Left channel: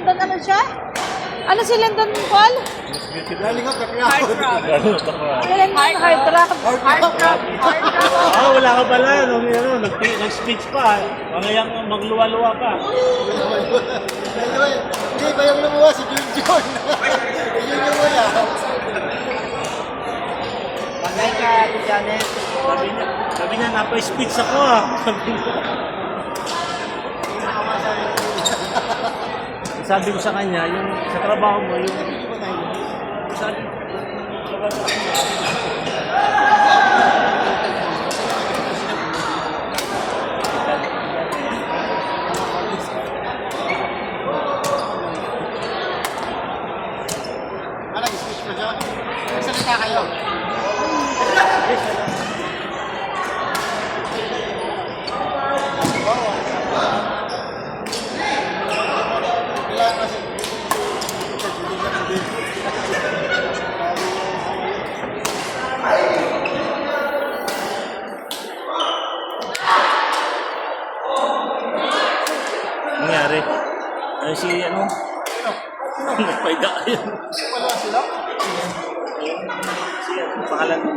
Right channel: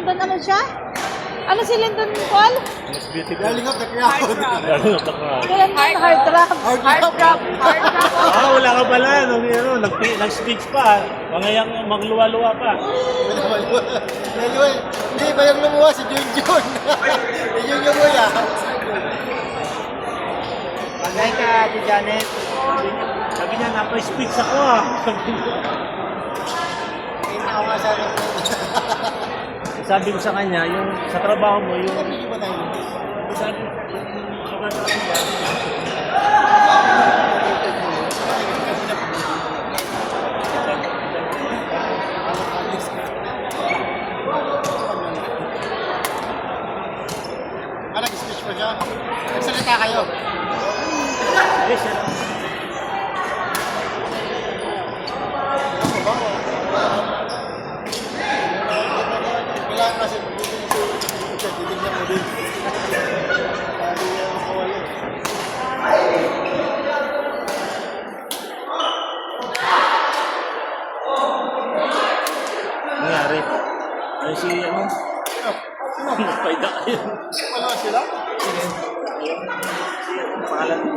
London, ano siya? Ano si London, Paul? Galing up the crowd. Si London, hard rock. Wala ka pala. Nag-speech pa. Ngayon magluwa-luwa pa. Hindi ba yung lumuha si Junjun? Yun yung wala. Patay ka, Ate Janet. Sabi niya, napa-speech ako. Sabi ko sa kanya, yung sa trabaho mo, yung sabi Parang speech mo dyan. Magsalita kayo. Kailangan kasi nangyari. Yung si ano? Nagpaiga kayo. wala sila. Yung pangalan mo.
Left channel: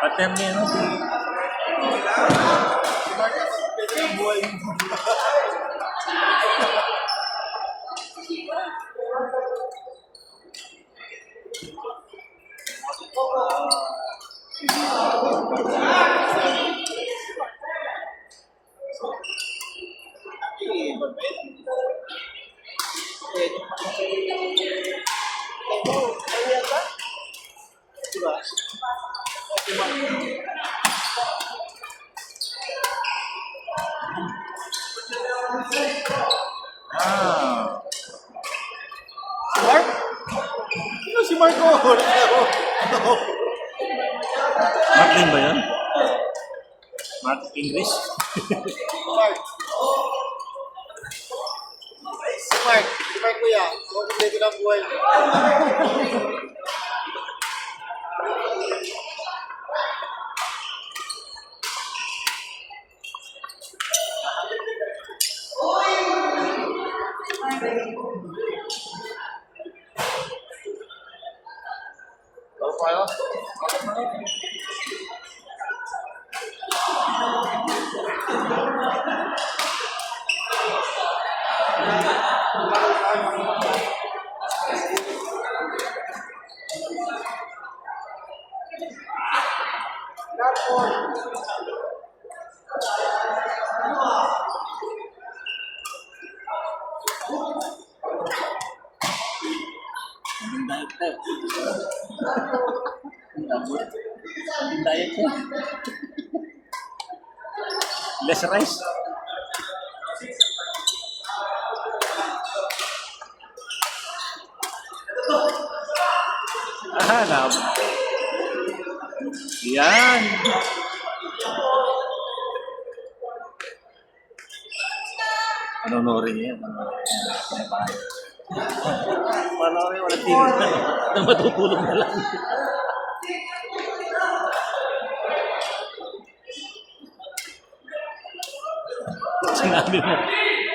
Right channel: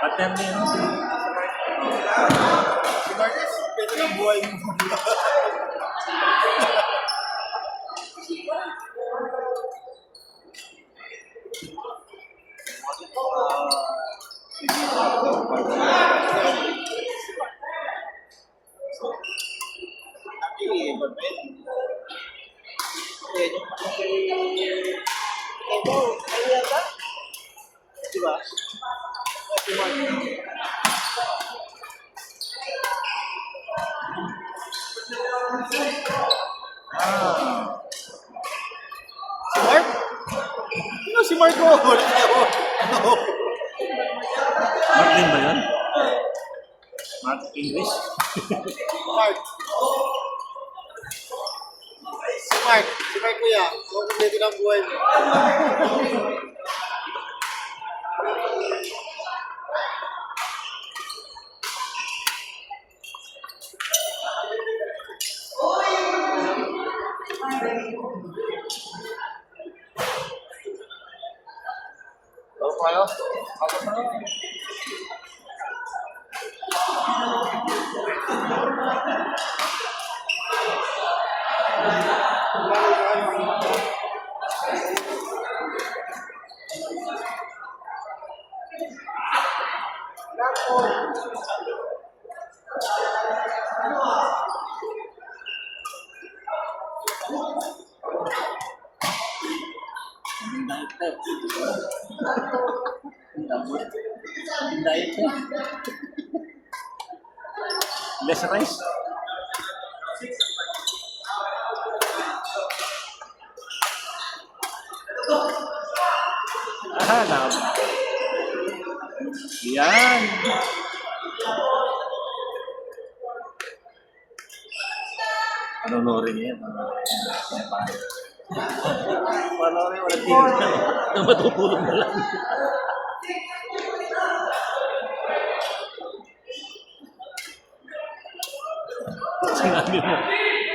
Partner niya, no? Si Marcus, pwede yung buhay mo. Si Mark? Sino si Mark mo? Martin ba yun? Mark English? Mark. Si Mark. Si Mark kuya. Kung kompleto ng buhay mo. Diet ko. Less rice. Yan. Panonorin niya. Panonorin, walang tigil na matutulog na lang. Sinabi mo.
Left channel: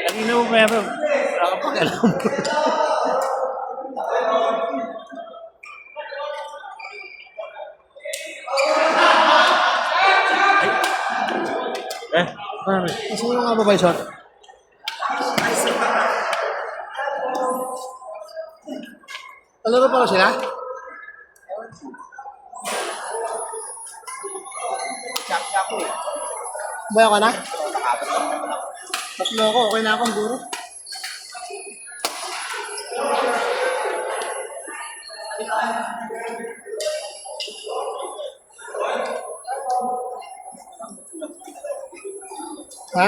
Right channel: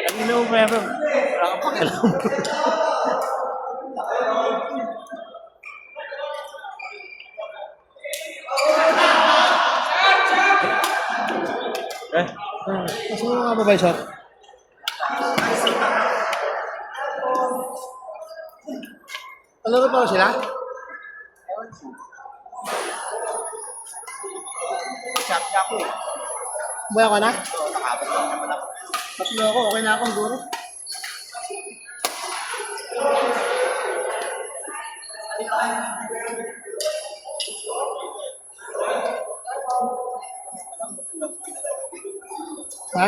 Ang ina mo meron. Wala kang pakialam. Gusto mo nga ba ba yung shot? Talaro pa ko sila? Buhay ka na? Tatlo ako, okay na ako, guro. Ha?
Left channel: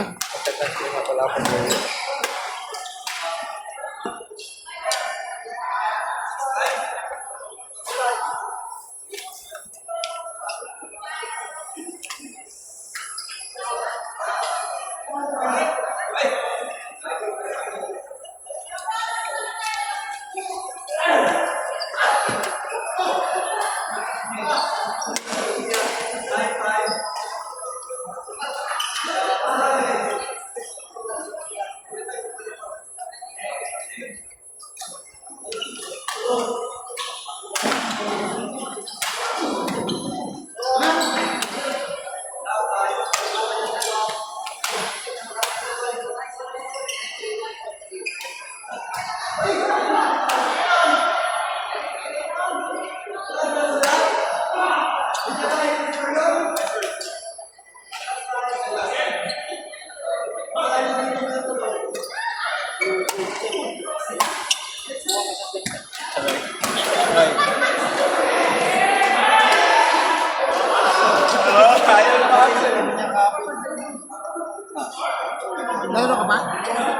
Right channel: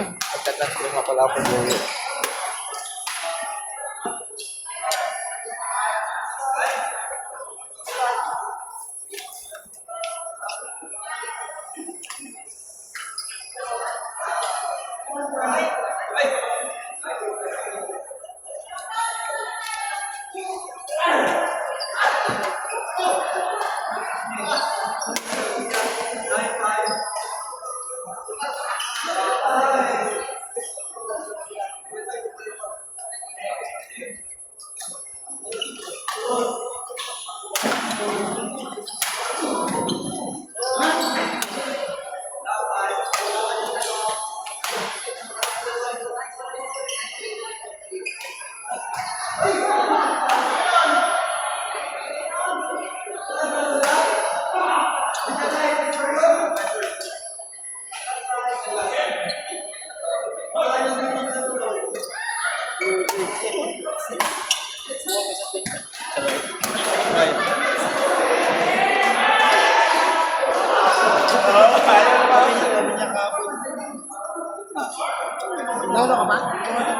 Nalo ka ba?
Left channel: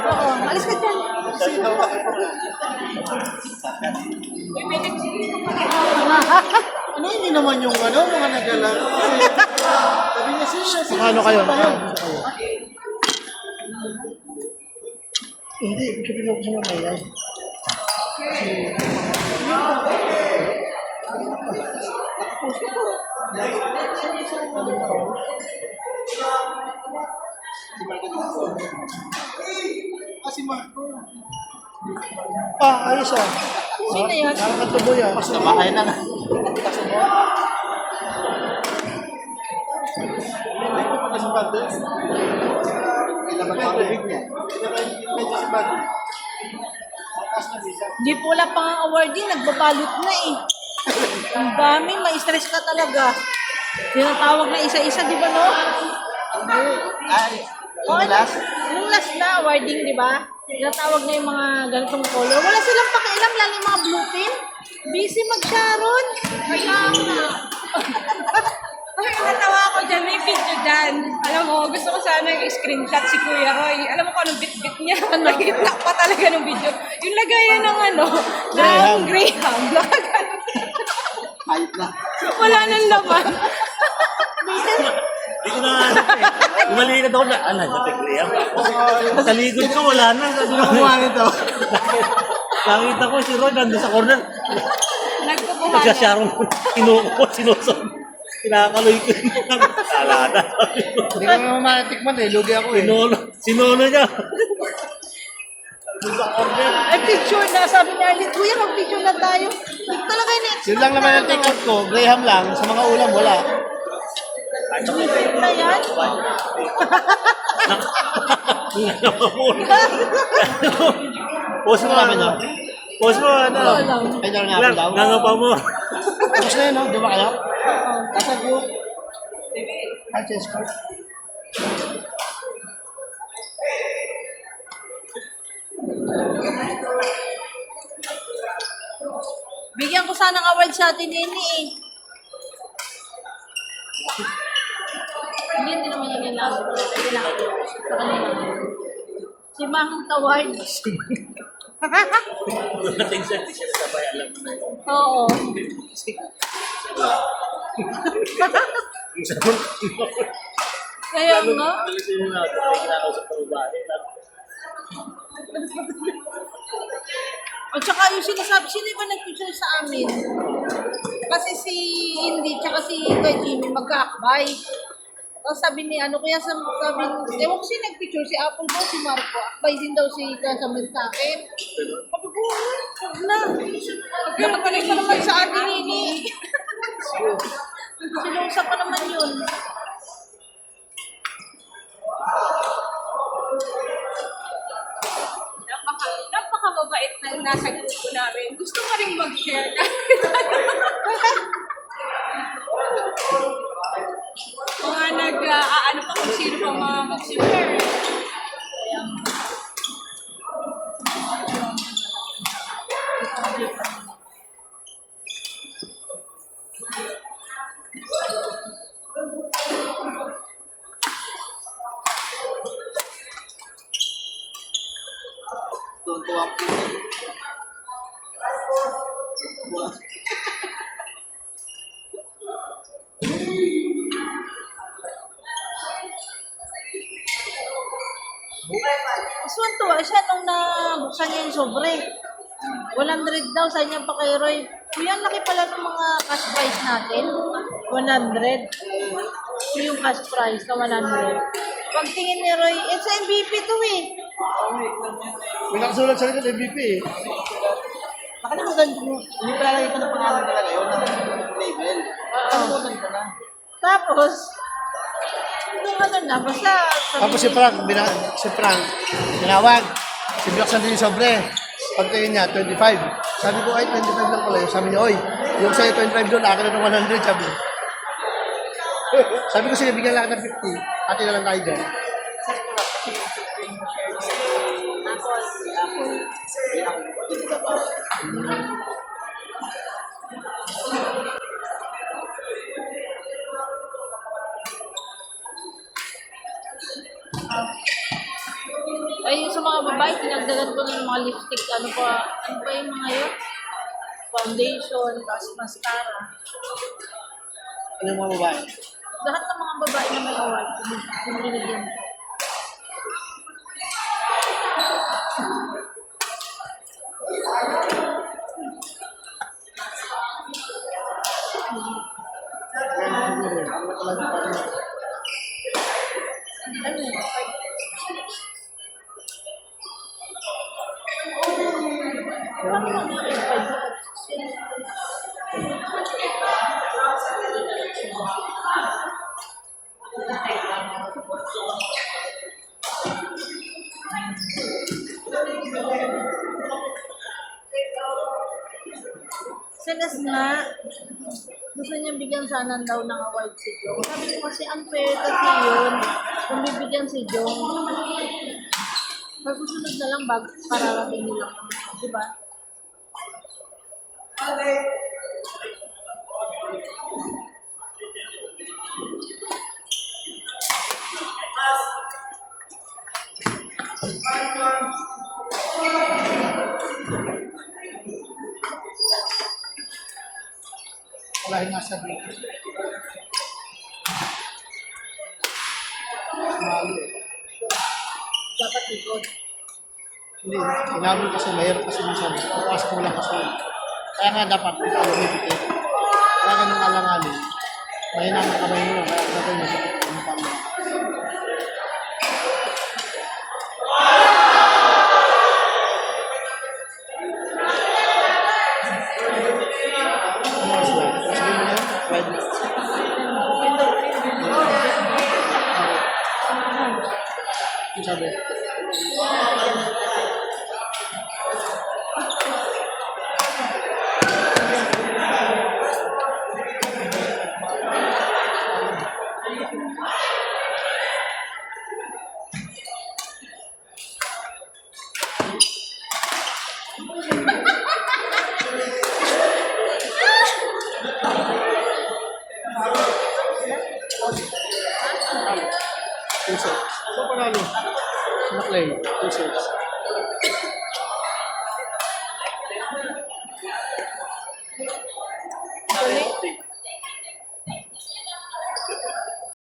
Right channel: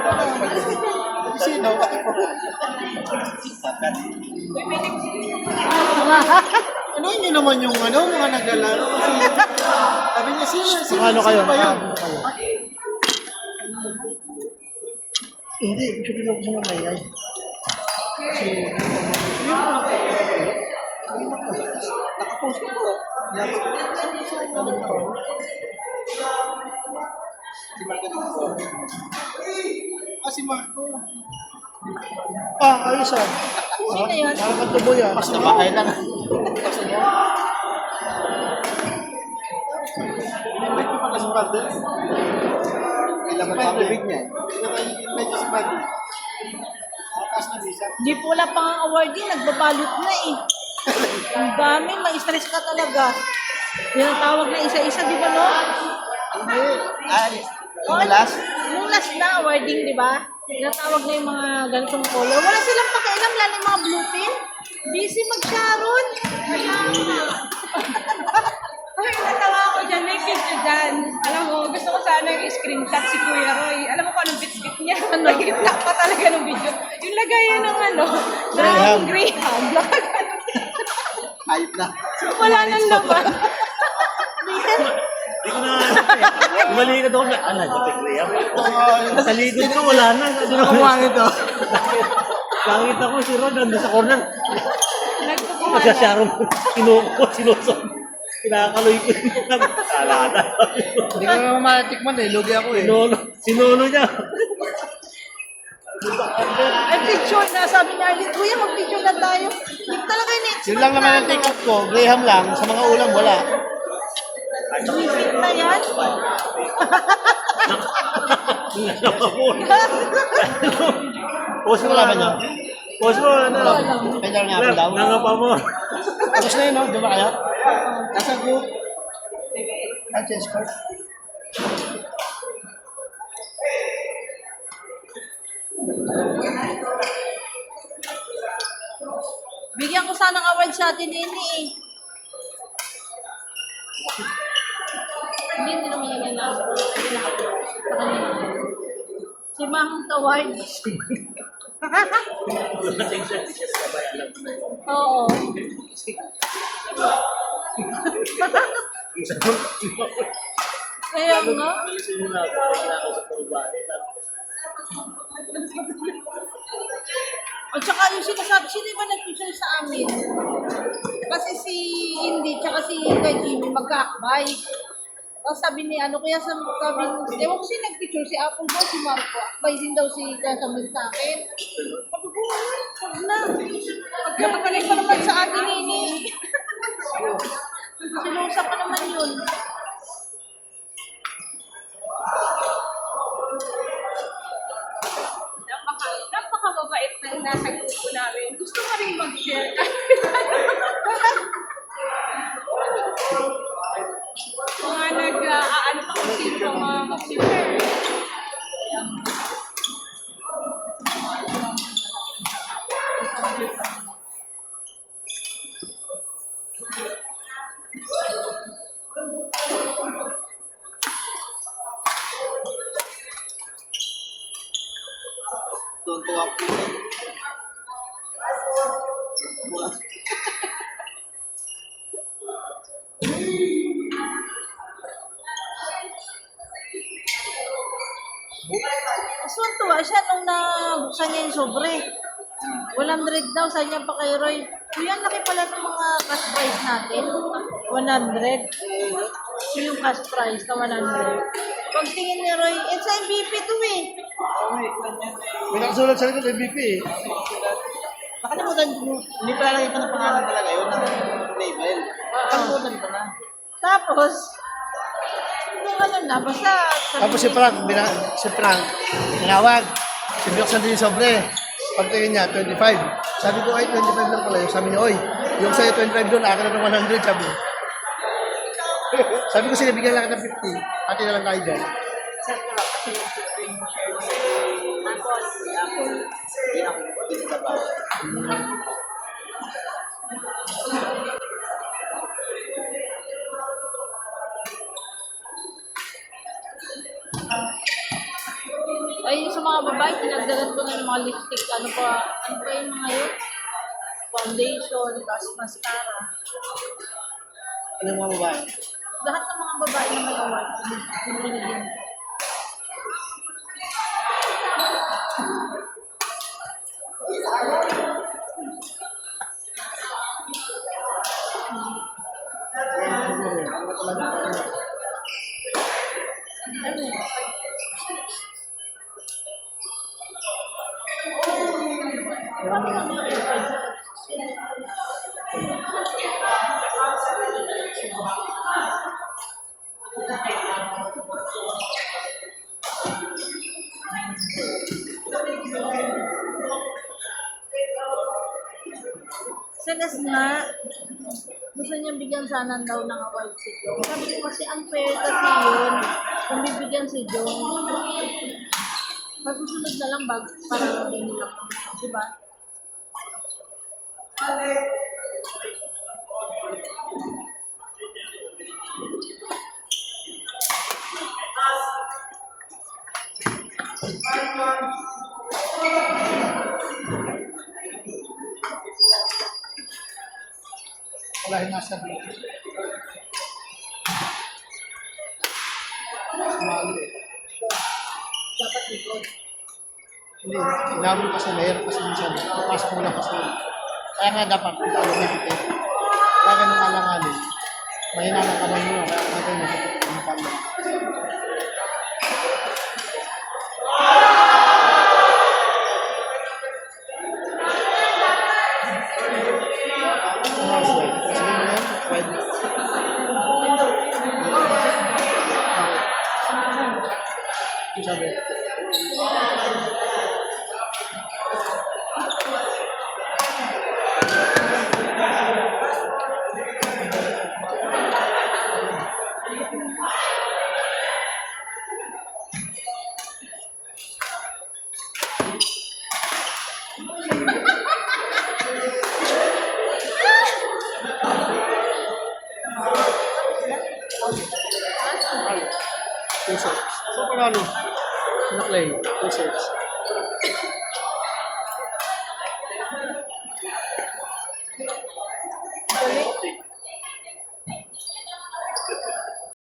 Oo, alis ka dyan. Sino? Ano hindi naman yung ano, mga naglalaro? Sabi niya, sino? Ano kayo? Nakaabot kayo? Hindi, sabi ko sa mamay ay. Si Marco. Ayos ah. Sino yun? Parang katuboy ah. Basta bahay lang. Di po wala pang awardee, nagbabalot na eh. Ang dami, ma-stress ka talaga. Tinatawag na isa-isa, di ba no? Yung last? Yung last na awarding, di ba? Tinatawag na yung mga ganitong color. Wala silang pakialam, lalo yung mga blue pin. Busy mag-sharon. Ay, natawa ako dyan, may video dyan. Alam mo, gusto ko sana i-screenshot si Kuya Roy. Alam mo kung anong bit-bit niya. Nakita pa talaga ng video. Yung lagayan ng ano, Graham. ng Graham. Ayos na. Wala nang laban. Hindi ko na lumalikat ako na, nagpapigriya. Sa likod ko, wala na. Kumuha nito. Nakita ko si Ron, nandun sa corner. Nagkukuha na. Nagsasarong sinusok. Kinakaloy ko yung alada. Hindi ko naman matikman eh. Lugi ako eh. Sinolo niya. Ay, picture na. Sabi na, Kuya, mag-picture na tayo. Hindi talaga in-expect. Yun lang naman ang take out ko. Graham lang. Sa mga ulam, wala. Bibit na yan. Puso mo laban niyo? Boss mo, ano? Walang. Kaya nga ako daw. Nangapa mo. Tapos na yun, no? Di ba kayo? Nasa group. Change card. Bigyan ko sana ng award sa atin nini eh. Hindi naman yan lang. Hindi na ako. Sa kanila. Si Mang Taward. Oo. Kaya nga. At saka yung sinasabi, sino ba nag-picture sa amin? Kasi si Indy, tsaka si Kuya Jimmy magkaakbay. Tapos sabi ni ano, kaya sabi, ewan ko si nag-picture, si Apple daw, si Marco. Akbay din daw si Kuya Samuel sa akin. Sabi ko, wag na. Magkakatuloy pa naman sa atin, Nini. Sinusa pa naman yun. Napakababait na nasa grupo namin. Gusto ko rin mag-share. Mga nag-aano pa kung sino pa mga mag-share. Tuntua po. Tuwa siya nung nabuksan niya yung sobre. 100 daw, sa niya pa kay Roy. Kuya, ang laki pala ng mga cash prize natin. 100. Yung cash prize na 100. Pagtingin ni Roy, it's MVP to eh. May nakasulat sa likod MVP eh. Nakalimutan ko. Hindi pala nakita ng pangalan talaga yun. Label. Nakalimutan ko na. Tapos, yung ano na, basta... Tapos si Frank, tinawag. Sinbuksan din yung sobre. Pagtingin niya, 25. Sabi ko, ay, 25 lang pala yun. Sabi niya, oy, yung sa'yo 25 doon, akin na ng 100, sabi. Sabi ko, sige, bigyan lang kita ng 50. Ate na lang tayo dyan. Ay, yung sa mga babae, pinagdagan ko na yung mga lipstick. Ano pa yung mga yun? Foundation, mascara. Ano yung mga babae? Lahat ng mga babae na may award, pinibigyan ko. Ano pala yung parang Sa nga, gusto niya bigyan sana daw ng award si Jong. Sabi ko kasi unfair kasi yun, kung bibigyan si Jong. Pagsusunod na lang pararating nila. Diba? wala yung nasa dito. Sumali eh. Dapat likod. Hindi, inabot kasi mahirap kasi minsan. Papasok mo lang kasi. Kaya nga dapat, ikaw lumipit eh. Kaya ganun alanganin. Mahina ng kamay mo lang, kaya natin masipit ang mukha mo. Ano oras na? Sabihin mo na yan? 5 minutes. Ano sabi? Puso. So, panalo. Sinaklay. Puso. Ulit.